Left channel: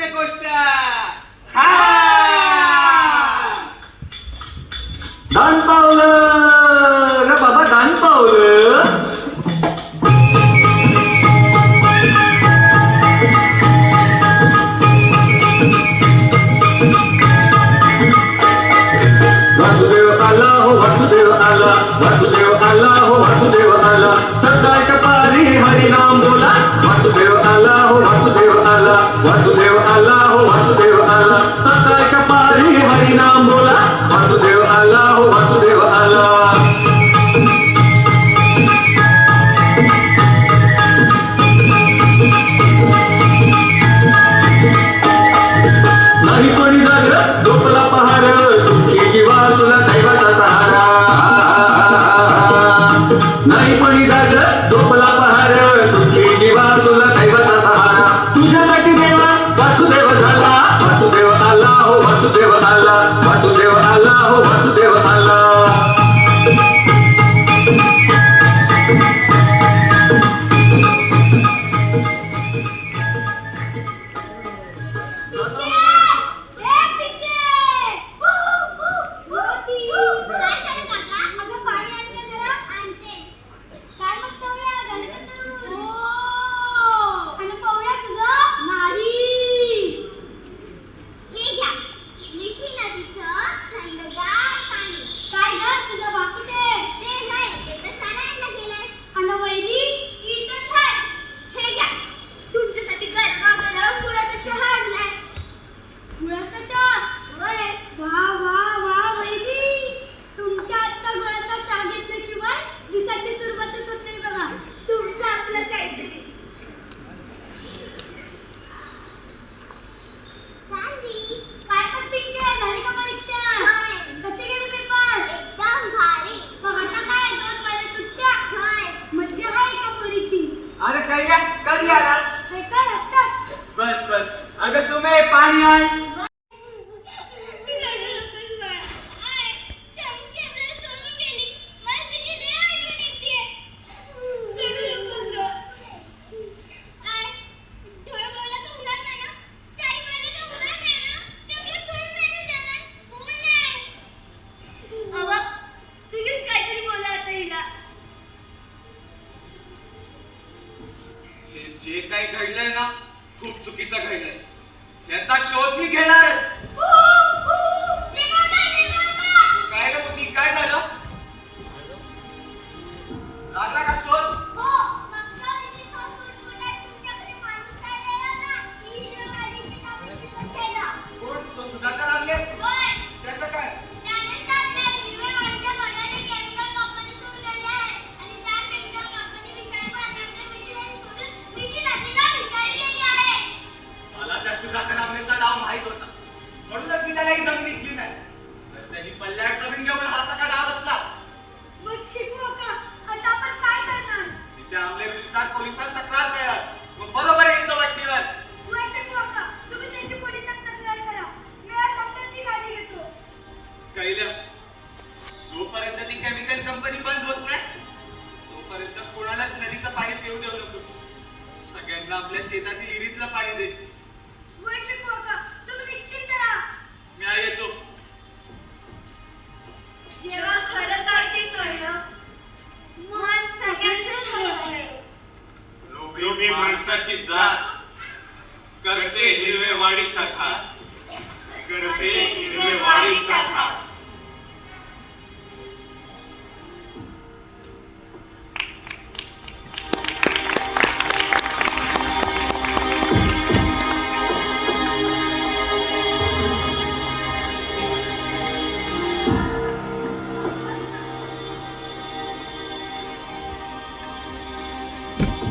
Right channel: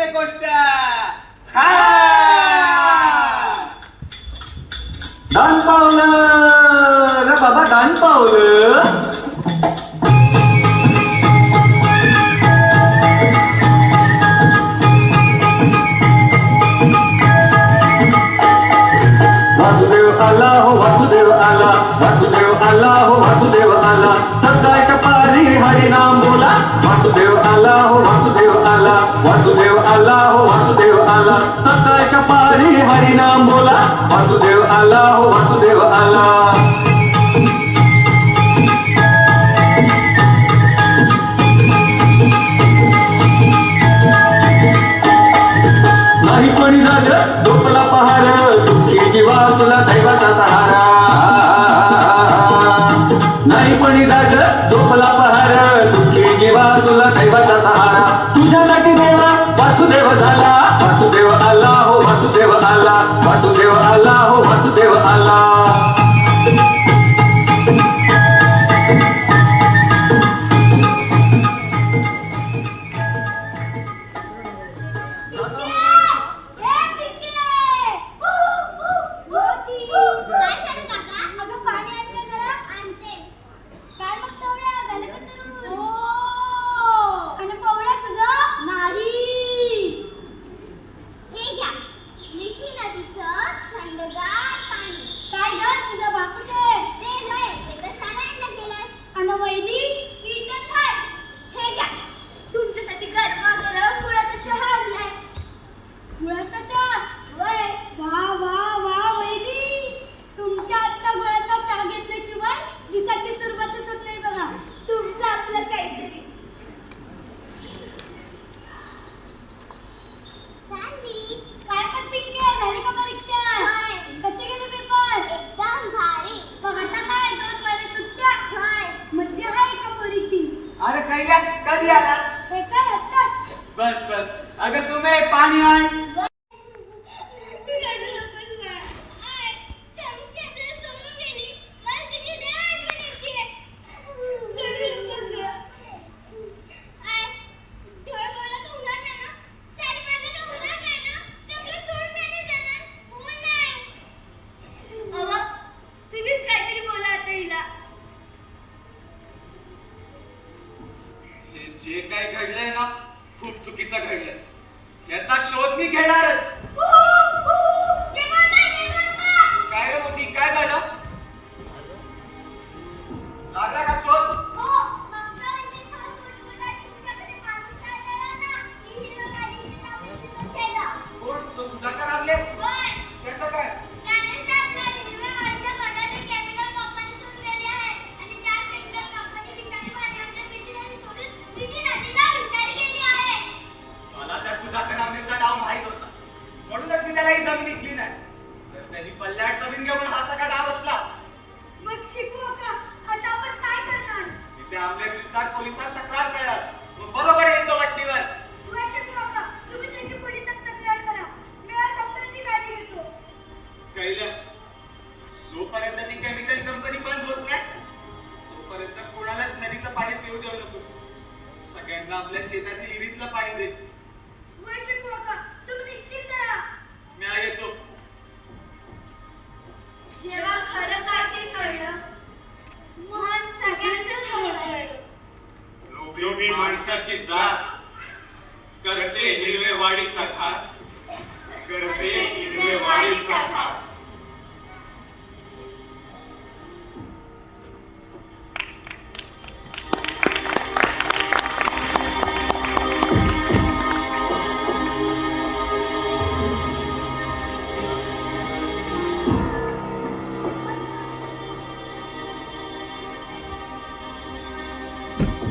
प्रत्येक गोष्ट. दान पावलं रे बाबा दान पावलं doon pala कधी आलास? बस बस. अगं सुमे पाणी आण. चुकीचं घडलंय याचा शोध मी घेणारच. माणसाची जात करते हिरवे वाडीचा घात करते हिरवे वाडीचा घात you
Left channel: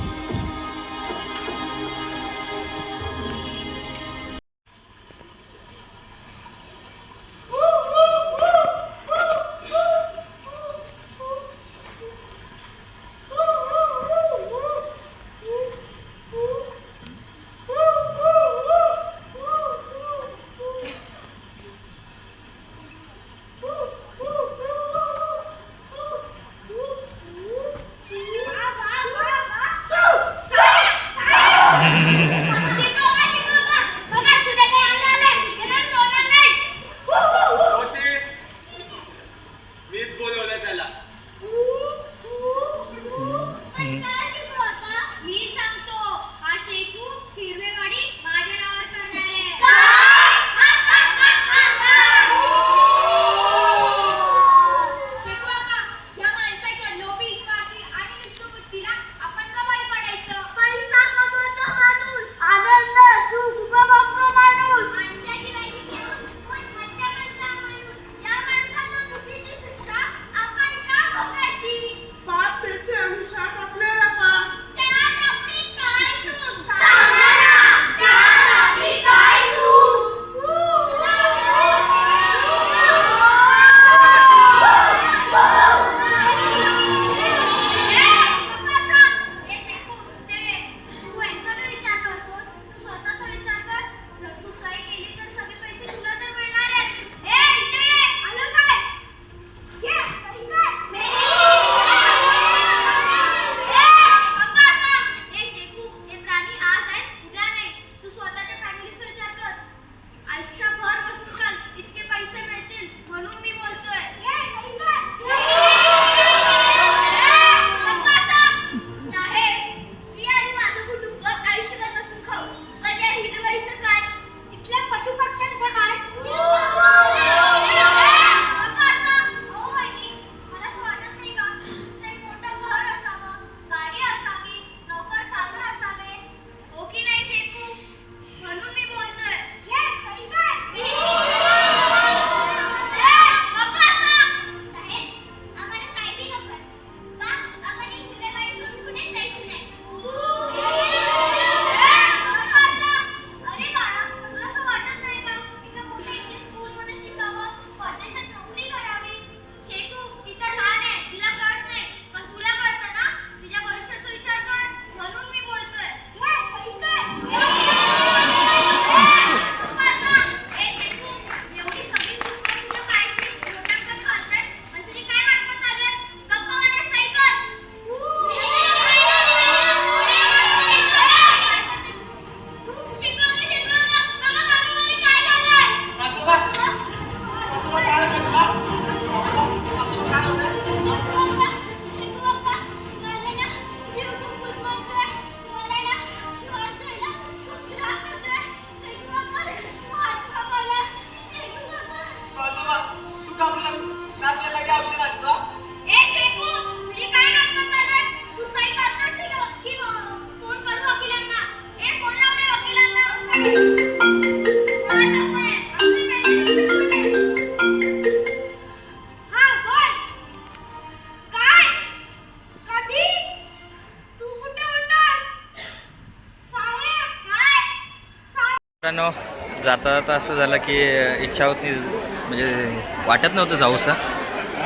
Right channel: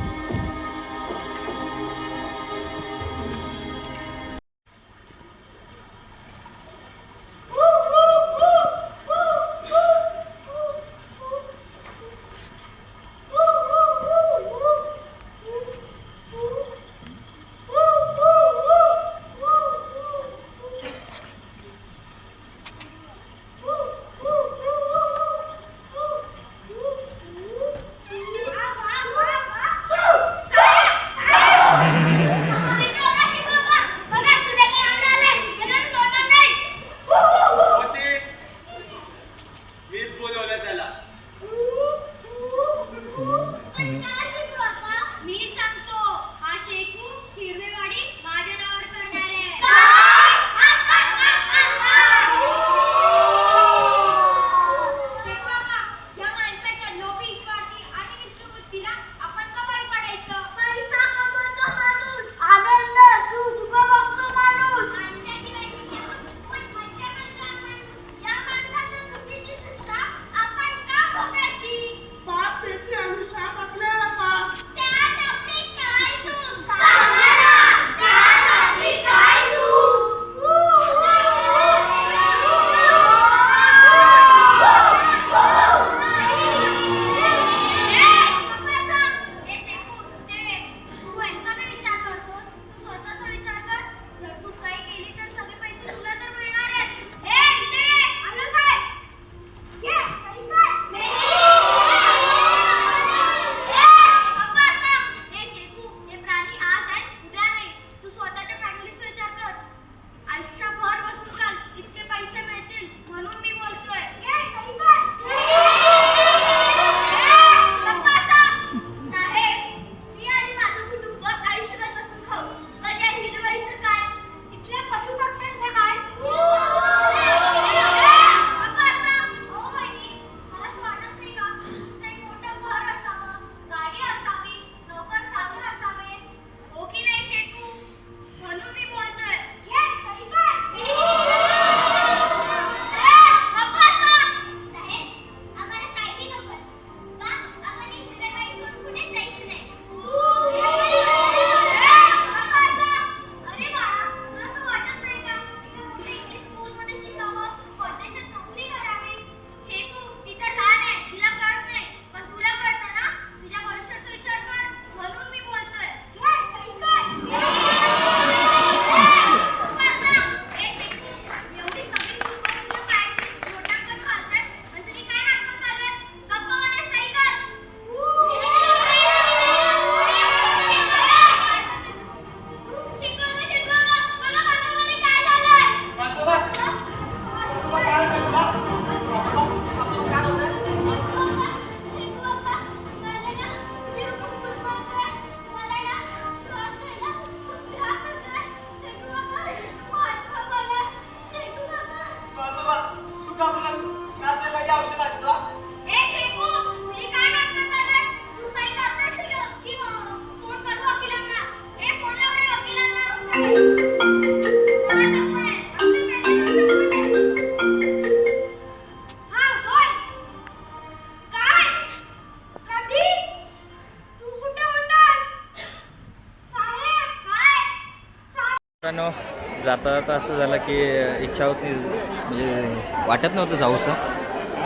मित्रांनो जाता जाता असं झालं की इच्छा होत नाही म्हणजे वाटत नव्हतं जाऊसा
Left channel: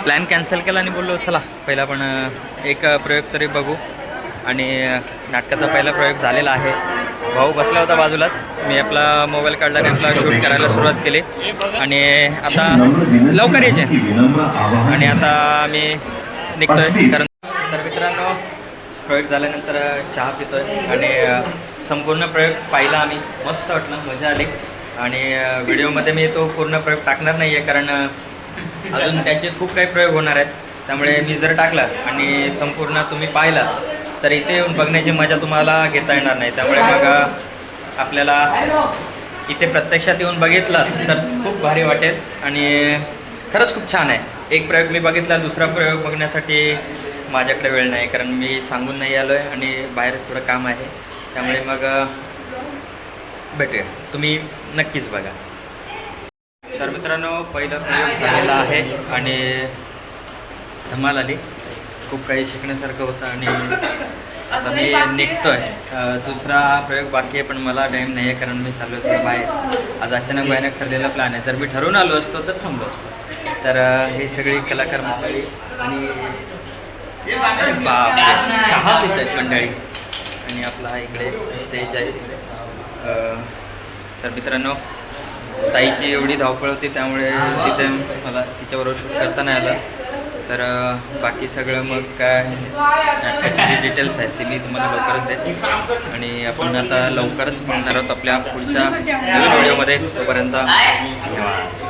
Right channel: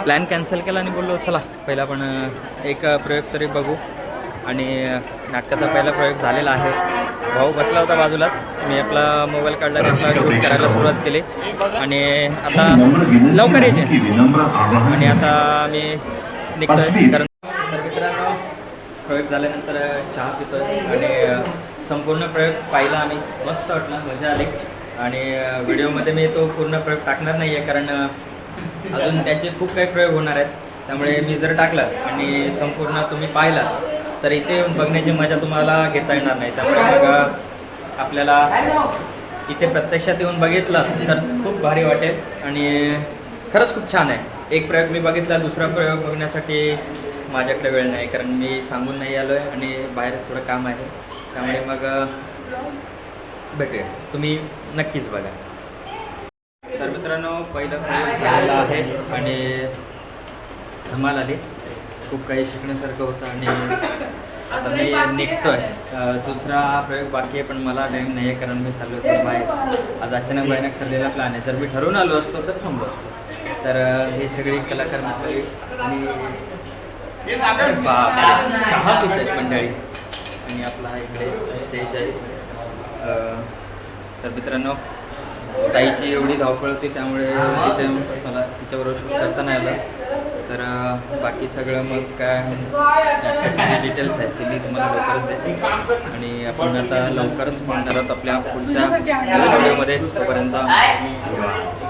प्लॅन कॅन्सल केला आणि बोललो चला पहिला पण एक प्रयोग तरी बघू. आणि नाटकाचा पहिला प्रयोग झालेला आहे. भाऊ बसला होता बाजूलाच. मी आपला मोबाईल काढला आणि आपला शूट करायला सुरुवात केली. आणि आता लवकर यायचे. आणि आता मी निघतोय कारण तर मित्रांनो प्रयोग झाल्यानंतर चहा पितोय. आणि संपूर्ण प्रयोग पाहिला आम्ही. मस्त वाटलं मजा आली. आणि व्हिडिओमध्ये मी तो पूर्ण प्रयोग टाकणार नाही आहे कारण अजून त्याचे खूप काही प्रयोग होणार आहेत. त्यामुळे मी जर टाकला आणि संपूर्ण तुम्ही पाहिला तर इथे येऊन बघण्याची मजा तुम्हाला घेता येणार नाही. त्यामुळे मग आपल्याला इथे प्रत्यक्षात येऊन बघितला तर खूप भारी वाटेल. आणि खरंच खूप छान आहे. एक प्रयोग मी बघितला दुसरा प्रयोग बघण्यासाठी माझ्याकडे वेळ नाही. कारण मी सांगून नाही आलो आहे आणि बाहेर थोडं काम आहे. त्यामुळे मग भेटूया. तुम्ही नक्कीच बघा. तर मित्रांनो पहिला प्रयोग झालेला आहे आणि धमाल आली. खूप काही शिकण्यासारखं होतं आणि आता मी निघतोय. आहे दुसरा प्रयोग बाकी आहे पण मला टाईम नाही आहे कारण मी चाललो होतो बाहेर. आज अचानक भयानक ठरलेला प्लॅन आहे. जर मी ठरवून आलो असतो तर थांबलो असतो. तर हे सगळी कलाकार मंडळी आणि अरे बापरे चहा पित आहेत मंडळी. आणि आपला हा इकडे स्टेज आहे. तर मित्रांनो ताईची एवढी धावपळ होती त्यामुळे तिथे मला तिच्याबरोबर शूट करता नाही आलं. तर बाकी सगळं मग काय नाटकाचे जे डिटेल्स आहेत ते मी तुम्हाला लवकरच देते आणि आपण आता लवकरच मिळणार आहोत आपल्या पुढच्या नवीन व्हिडिओमध्ये तोपर्यंत धन्यवाद.